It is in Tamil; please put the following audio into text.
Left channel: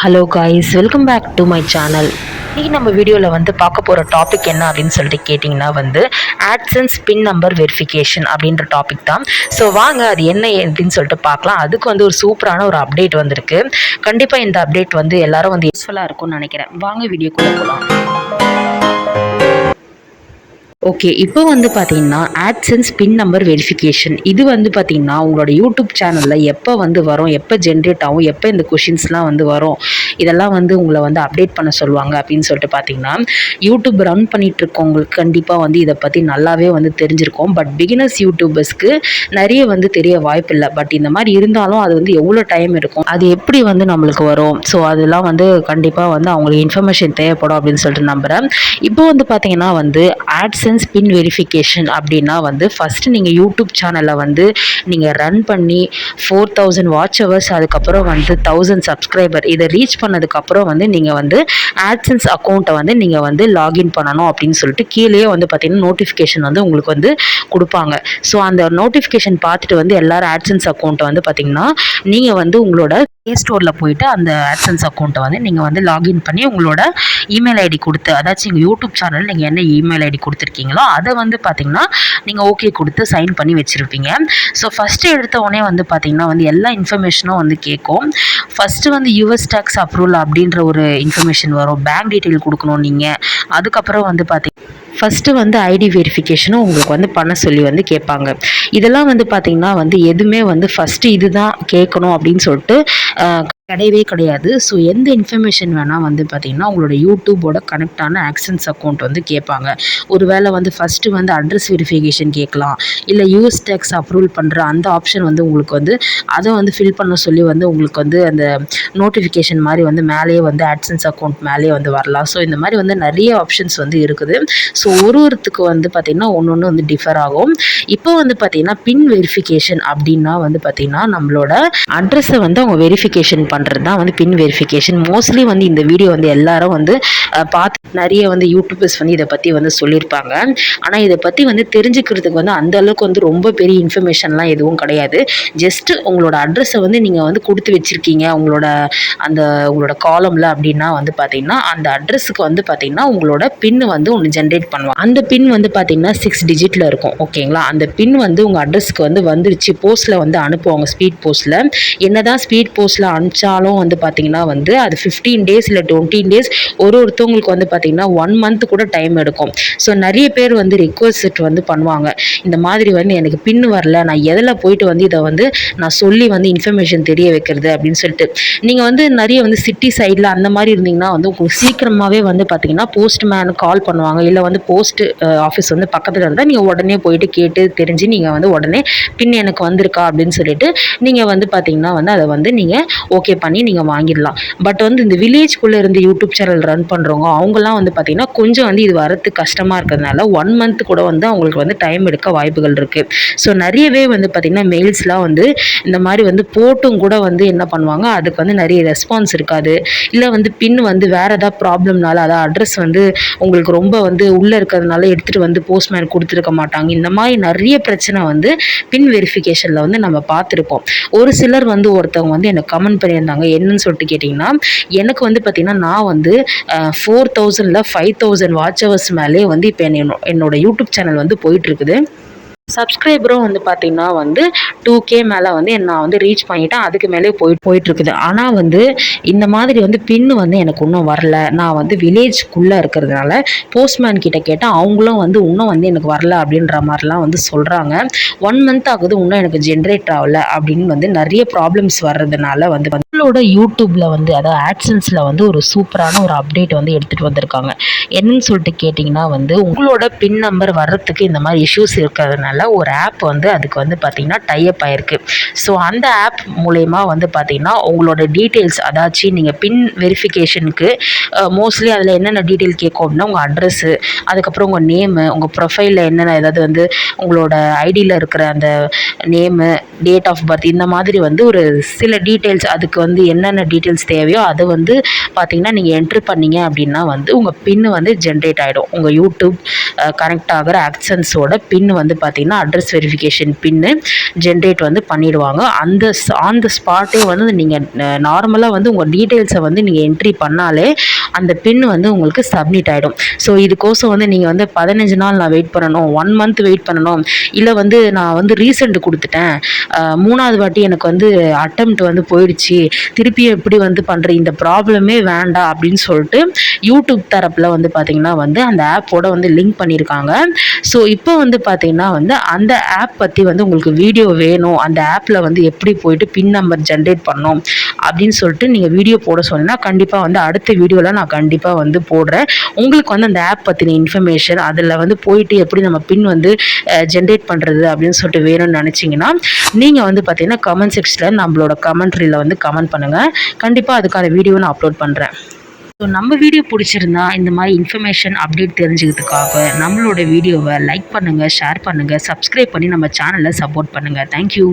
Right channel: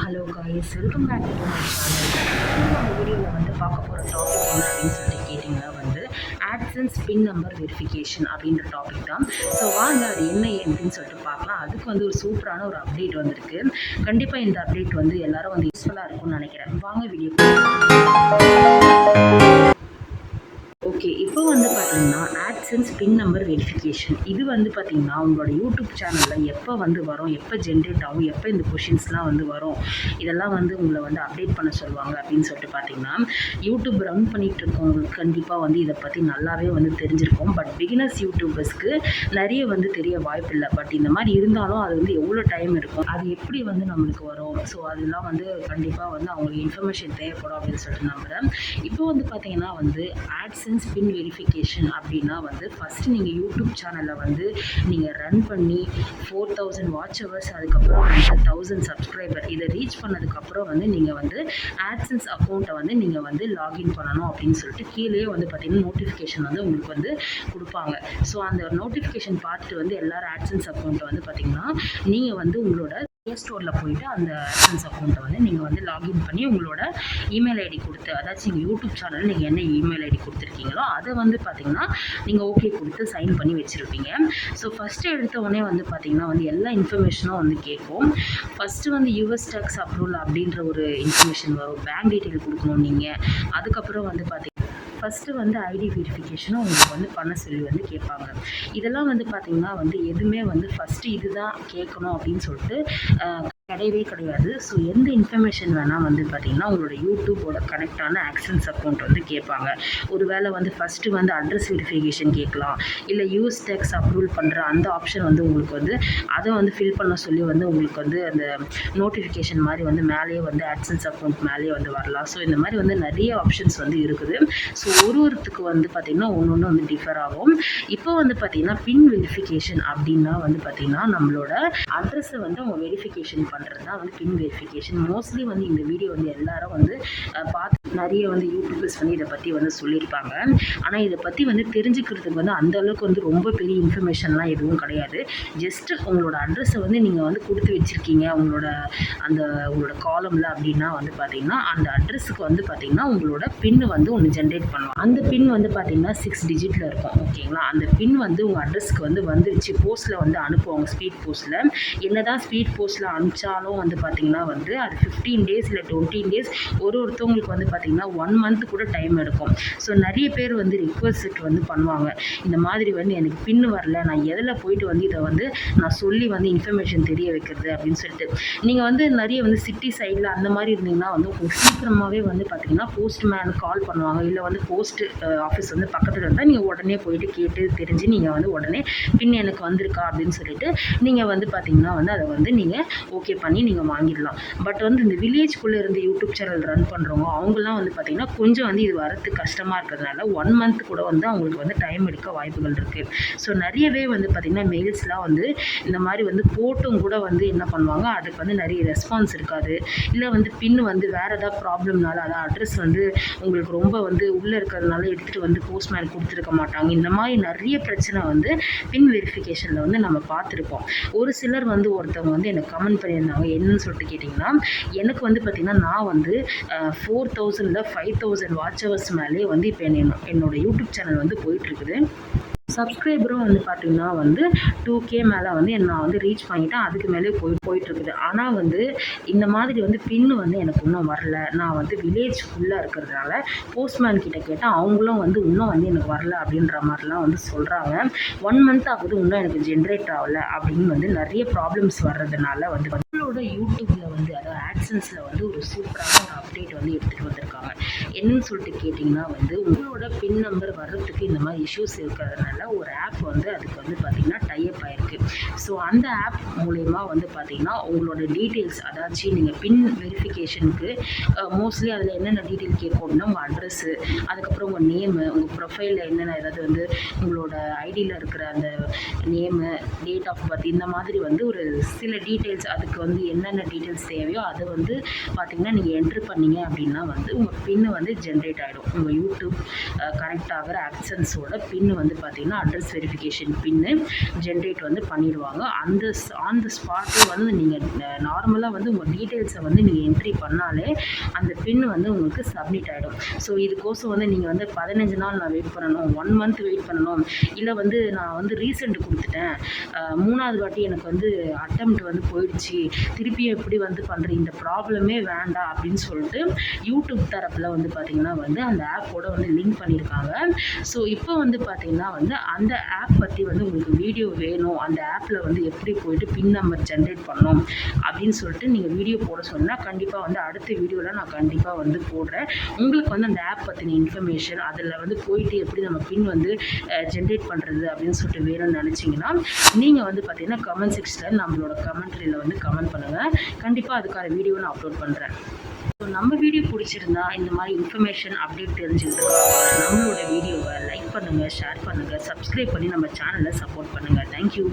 Hello guys, welcome back to my channel. இன்றைக்கி நம்ம வீடியோவில் வந்து பார்க்க போகிற டாபிக் என்ன அப்படின்னு சொல்லிட்டு கேட்டிங்கன்னா வந்து ஆட்சன்ஸ் பின் நம்பர் வெரிஃபிகேஷன் அப்படின்ற டாபிக் தான். ஸோ வாங்க அது என்ன அப்படின்னு சொல்லிட்டு பார்க்கலாம். அதுக்கு வந்து ஒரு சூப்பரான ஒரு அப்டேட் வந்திருக்கு. கண்டிப்பாக இந்த அப்டேட் வந்து எல்லாரும் வந்து யூஸ்ஃபுல்லாக இருக்கும்னு நினைக்கிறேன். வாங்க வீடியோக்குள்ளே போகலாம். ஓகே, இப்போ வந்து பார்த்தீங்கன்னா ஆட்சன்ஸ் பின் நம்பர் வெரிஃபிகேஷன் இது வந்து பார்த்தீங்கன்னா உங்களோட யூடியூப் சேனலில் எப்போ வந்து வரும், எப்போ ஜென்ரேட் ஆகும், எப்போ இந்த கொஷின்ஸ்லாம் வந்து வரும், இதெல்லாம் வந்து உங்களை வந்து அப்டேட் பண்ண சொல்லுவாங்க அப்படின்னு சொல்லிட்டு பார்த்தீங்கன்னா யூடியூப் ரன் பண்ணிகிட்டு இருக்கவங்களுக்கு கண்டிப்பாக வந்து இதை பற்றி நல்லாவே வந்து தெரிஞ்சிருக்கும். பட் பிகினர்ஸ் யூடியூபர்ஸ்க்கு நிறைய வந்து தெரிய வாய்ப்பு இல்லை. பட் இந்த மாதிரி இருந்தாலும் அது வந்து எவ்வளோ டைம் இருக்கும், அது எப்படி வந்து நம்மளுக்கு வரும், ஸோ அதெல்லாம் வந்து கண்டிப்பாக வந்து அவங்களுக்கு இன்ஃபர்மேஷன் தேவைப்படும் அப்படின்னு சொல்லிட்டு நம்புகிறேன். இப்போ வந்து பார்த்தீங்கன்னா வந்து ஆட்சன்ஸ் பின் வெரிஃபிகேஷன் அப்படின்னா வந்து ஃபஸ்ட்டு நீங்கள் யூடியூப் சேனலை வந்து நீங்கள் ரன் பண்ணி 4000 வாட்ச் ஹவர்ஸ், அதுக்கப்புறம் வந்து 1000 சப்ஸ்கிரைபர் இதை ரீச் பண்ணதுக்கப்புறம் வந்து நீங்கள் வந்து ஆட்சன்ஸ் அக்கௌண்ட்டை வந்து நீங்கள் வந்து லாகின் பண்ணணும் அப்படின்னு சொல்லிட்டு கீழே வந்து பார்த்தீங்கன்னா நோட்டிஃபிகேஷன் வந்து உங்களுக்கு வந்து கொடுப்பாங்க. ஸோ அந்த நோட்டிஃபிகேஷன் பார்த்துட்டு வந்து எல்லாரும் ஆட்சன்ஸ் அக்கௌண்ட்டை வந்து பார்த்தீங்கன்னா நீங்கள் வந்து உங்களோட ப்ளே ஸ்டோரில் போயிட்டு அந்த ஆட்சன்ஸ் அக்கௌண்ட்டை வந்து நீங்கள் வந்து லாகின் பண்ணி உங்களோட இமெயில் ஐடி கொடுத்து, அதாச்சும் எங்கள் யூடியூப் சேனல் நீங்கள் என்ன இமெயில் ஐடி கொடுத்துருக்கீங்களோ அதை வந்து பார்த்தீங்கன்னா நீங்கள் ஓகே கொடுத்து சைன் பண்ணி வச்சுருப்பீங்க. ஸோ ஃபஸ்ட்டு எடுத்த உடனே வந்து பார்த்தீங்கன்னா வந்து எல்லா இன்ஃபர்மேஷனும் வந்து கேட்கும். ஃபஸ்ட்டு வந்து யூஎஸ் டேக்ஸ் அப்ரூவல் அப்படின்ற ஒரு இன்ஃபர்மேஷன் வரும். பேங்க் டீட்டெயில் கொடுக்கணும் நீங்கள். அதுக்கப்புறம் வந்து ஃபஸ்ட்டு வந்து ஐடி வெரிஃபிகேஷனும் உங்களுக்கு வந்து பண்ண சொல்லி வந்து கேட்பாங்க. இதெல்லாம் வந்து பார்த்திங்கன்னா வந்து எதுவுமே வந்து ஃபஸ்ட்டு இதுதான் கேட்கணும் அப்படின்னு சொல்லிட்டு கிடையவே கிடையாது. ஸோ எந்த இன்ஃபர்மேஷன் வேணால் வந்து பார்த்திங்கன்னா உங்களோட யூடியூபோட கனெக்டான ஆக்சன்ஸ் அக்கௌண்ட் வந்து கேட்பாங்க. ஒரு வேளை வந்து ஃபஸ்ட்டு வந்து அட்ரஸ் வெரிஃபிகேஷன் கேட்கலாம், இல்லை யூஎஸ் டேக்ஸ் அப்ரூவல் பண்ணுற அந்த ஆப்ஷன் வந்து உங்களுக்கு வந்து அதை வந்து ஃபில் பண்ண சொல்லி வந்து உங்களுக்கு வந்து அந்த நோட்டிஃபிகேஷன் மாதிரி வந்து மேலேயே வந்து ஆட்சன்ஸ் அக்கௌண்ட் மேலேயே வந்து வரலாம். ஸோ இந்த மாதிரி வந்து நிறைய ஆப்ஷன்ஸ் வந்து இருக்குது. ஸோ ஒருத்தருக்கு வந்து பார்த்திங்கன்னா ஒன்று வந்து டிஃபர் ஆகும். இப்போ வந்து பார்த்திங்கன்னா பின் வெரிஃபிகேஷன் அப்படின்னா வந்து பார்த்திங்கன்னா நம்மளோட அட்ரஸை வந்து அவங்க வெரிஃபிகேஷன் பண்ணுறது தான் வந்து பின் வெரிஃபிகேஷன். மோஸ்ட்லி வந்து இந்த வீடியோ வந்து எல்லாரும் வந்து பார்த்து நிறைய வந்து யூடியூபர்ஸ் வந்து இதை பற்றி வந்து சொல்லியிருப்பாங்க. ஆனால் இதை பற்றி வந்து தெரிஞ்சுக்கிறதுக்கு வந்து அந்த அளவுக்கு வந்து ரொம்ப பெரிய இன்ஃபர்மேஷன்லாம் எதுவும் கிடையாது. ஜஸ்ட்டு உங்களோட அட்ரஸை வந்து நீங்கள் வந்து கொடுத்து வச்சுருக்கீங்க உங்களோட காலமில் அப்படின்னா வந்து பார்த்திங்கன்னா அந்த அட்ரஸுக்கு வந்து பார்த்திங்கன்னா உங்களோட பின் வந்து ஒன்று ஜென்ரேட் பண்ணுவாங்க. அந்த பின் வந்து பார்த்திங்கன்னா 6 டிஜிட்டில் இருக்கும். ஓகேங்களா, அந்த பின் வந்து உங்கள் அட்ரஸ்க்கு வந்து வந்துருச்சு, போஸ்ட்டில் வந்து அனுப்புவாங்க. ஸ்பீட் போஸ்ட்டில் என்னதான் ஸ்பீட் போஸ்ட்டில் அனுப்பிச்சாலும் வந்து பார்த்திங்கன்னா வந்து அது 15 டேஸ் இல்லை 20 டேஸ் ஒருத்தவங்களுக்கு வந்து பார்த்திங்கன்னா 1 மந்த் கூட டைம் எடுக்கும். ஸோ நிறைய பேர் வந்து ரிக்வஸ்ட் வந்து பண்ணுவாங்க, இந்த மாதிரி வந்து எனக்கு பின் வரல, நான் எதில் போயிட்டு வந்து இதை வந்து நான் சொல்லி வந்து இன்ஃபர்மேஷன் தெரிய வைக்கிறது அப்படின்னு சொல்லிட்டு. நீங்கள் வந்து நிறைய வந்து சிட்டி சைடில் அந்த மாதிரி இருந்தீங்கன்னா வந்து உங்களுக்கு சீக்கிரமாகவே வந்து பார்த்திங்கன்னா போஸ்ட்மேன் கால் பண்ணுவாங்க, இல்லை வந்து போஸ்ட் ஆஃபீஸ் வந்து பக்கத்தில் இருந்தால் நீங்கள் உடனே போயிட்டு கேட்டு தெரிஞ்சு நீங்கள் வந்து உடனே பின் எனக்கு வந்திருக்கா அப்படின்னு சொல்லிட்டு நீங்கள் வந்து பார்த்திங்கன்னா வந்து அதை வந்து நீங்கள் ஓகே பண்ணி நீங்கள் வாங்கிடலாம். பட் வந்து இந்த வில்லேஜ்குள்ளே இருந்து யூடியூப் சேனல் ரன் பண்ணுறவங்க அவங்களாம் வந்து பார்த்திங்கன்னா கொஞ்சம் வந்து இது வரத்துக்கு கஷ்டமாக இருக்கிறதுனால 1 மந்த் கூட வந்து அவங்களுக்கு வந்து டைம் எடுக்க வாய்ப்புகள் இருக்குது. ஸோ நிறையவே வந்து பார்த்திங்கன்னா மெயில்ஸ்லாம் வந்து இந்த மாதிரி வந்து போட்டும் கூட வந்து என்ன பண்ணுவாங்க, அதுக்கு வந்து நிறைய ரெஸ்பான்ஸ் இருக்காது, இல்லை வந்து பின் வந்து வேறு ஏதாவது ப்ராப்ளம்னால அதாவது அட்ரஸ் வந்து உங்களுக்கு ரொம்ப வந்து உள்ளே இருக்கிறதுனால எடுத்துகிட்டு வந்து போஸ்ட்மேன் கொடுத்துருக்க மாட்டாங்க. இந்த மாதிரி நிறைய பிரச்சனை வந்து பின் வெரிஃபிகேஷனில் வந்து நம்ம பார்த்துருக்கோம். ஒரு சிலர் வந்து ஒருத்தவங்க வந்து எனக்கு கமெண்ட் பண்ணியிருந்தாங்க, என்னன்னு சொல்லிட்டு கேட்டிங்கன்னா எனக்கு வந்து பார்த்திங்கன்னா நான் வந்து 4000 5000 வாட்ச் ஹவர்ஸ் மேலே வந்து இப்போ என்னோட யூடியூப் சேனல் வந்து போயிட்டுருக்குது. சப்ஸ்கிரைபரும் வந்து பார்த்திங்கன்னா வந்து 2K மேலே வந்து நான் வந்து ரீச் பண்ணிட்டேன், அதுக்கு மேலே போயிட்டுருக்குது. ஆனால் வந்து இந்த மாதிரி வந்து பின்னு வந்து எனக்கு இன்னும் வரல. நான் வந்து வில்லேஜ்குள்ளே இருக்கிறதுனால போஸ்ட்மேன் கிட்ட கேட்டால் அவங்களும் வந்து இன்னும் வந்து எனக்கு வரல அப்படின்ற மாதிரிலாம் வந்து சொல்கிறாங்க. 1 மந்த் ஆகுது, இன்னும் எனக்கு ஜென்ரேட் ஆகல அப்படின்னு வந்து நிறைய ப்ராப்ளம்ஸ் வர்றதுனால வந்து உங்களோட யூடியூப்பில் வந்து அதாவது ஆட்சன்ஸில் வந்து ஒரு சூப்பரான ஒரு அப்டேட் வந்து எடுத்துகிட்டு வந்திருக்காங்க. என்னன்னு சொல்லிட்டு கேட்டிங்கன்னா வந்து உங்களோட பின் நம்பர் வர்றதுக்கு இந்த மாதிரி இஷ்யூஸ் இருக்கிறதுனால ஒரு ஆப் வந்து அதுக்கு வந்து பார்த்திங்கன்னா டைப் ஆயிருக்கு. ஸோ அந்த ஆப் மூலயமா வந்து பார்த்திங்கன்னா உங்களோட டீட்டெயில்ஸ் அதாச்சும் நீங்கள் பின் வெரிஃபிகேஷனுக்கு மோஸ்ட்லி அதில் என்னென்ன டீட்டெயில் கேட்கும் அப்படின்னா உங்கள் அட்ரஸ்ஸு, அதுக்கப்புறம் உங்கள் நேமு, உங்கள் ப்ரொஃபைலில் என்னென்ன ஏதாவது வந்து உங்களோட ஐடியில் இருக்கிற அந்த நேமு, டேட் ஆஃப் பர்த், இந்த மாதிரி வந்து ஒரு சில டீட்டெயில்ஸ் அதுக்கு வந்து என்னென்ன டீட்டெயில்ஸ் தேவையோ அதை வந்து பார்த்தீங்கன்னா நீங்கள் என்ட்ரு பண்ணீங்க அப்படின்னா வந்து உங்கள் பின்னு வந்து ஜென்ரேட் ஆகிடும். உங்கள் யூடியூப் கனெக்ட் ஆகிற ஆக்சன்ஸோட பின்னு வந்து பார்த்தீங்கன்னா அட்ரஸ் வெரிஃபிகேஷன் பின்னு ஜென்ரேட் வந்து பண்ணிடுவாங்க. அந்த ஆன் த ஸ்பாட்டே வந்து நீங்கள் நார்மலாக வந்து உங்கள் டீட்டெயில்ஸை வந்து நீங்கள் என்ட்ரி பண்ணாலே அந்த பின் வந்து உங்களுக்கு சப்மிட் ஆகிடும். ஸோ இதுக்கோசம் வந்து நீங்கள் வந்து 15 நாள் நான் வெயிட் பண்ணணும், 1 மந்த் வெயிட் பண்ணணும், இல்லை வந்து நான் வந்து ரீசெண்ட் கொடுத்துட்டேன், 3வது வாட்டி எனக்கு வந்து அட்டெம்ப்ட் வந்து போயிடுச்சு, திருப்பி எப்படி வந்து பண்ணுற, இந்த ப்ராப்ளமே வேண்டாம் அப்படின்னு சொல்லிட்டு யூடியூப் தரப்பில் வந்து பார்த்திங்கன்னா வந்து அந்த ஆப்போட வந்து லிங்க் பண்ணியிருக்காங்க. ஸோ இப்போ வந்து பார்த்திங்கன்னா வந்து அந்த ஆப் பற்றி வந்து உங்களுக்கு வீடியோ வேணும், அந்த ஆப்பில் வந்து எப்படி போயிட்டு பின் நம்பர் ஜென்ரேட் பண்ணணும் அப்படின்னு சொல்லிட்டு நீங்கள் வீடியோ போட சொன்னீங்கன்னா கண்டிப்பாக வந்து அடுத்த வீடியோவில் நான் கண்டிப்பாக வந்து போடுறேன். உங்களுக்கு வந்து அந்த ஆப் பற்றின இன்ஃபர்மேஷன், அதில் வந்து போயிட்டு எப்படி நம்ம பின் வந்து ஜென்ரேட் பண்ணுறது அப்படின்னு சொல்லிட்டு வேணும்னு நினச்சிங்கன்னா நீங்கள் வந்து பார்த்தீங்கன்னா கமெண்ட் செக்ஷனில் நம்மளோட கமெண்ட்ரியில் வந்து கமெண்ட் பண்ணுங்கள். கண்டிப்பாக அதுக்கான வீடியோ நான் அப்லோட் பண்ணுறேன். ஸோ நம்ம வீடியோ பிடிச்சிருந்தா இந்த மாதிரி இன்ஃபர்மேஷன் அப்டேட் தெரிஞ்சுக்கிறதுக்காக நம்மளோட வீடியோவை லைக் பண்ணுங்கள், ஷேர் பண்ணுங்கள், சப்ஸ்கிரைப் பண்ணி நம்ம சேனலை சப்போர்ட் பண்ணுங்கள். தேங்க்யூ.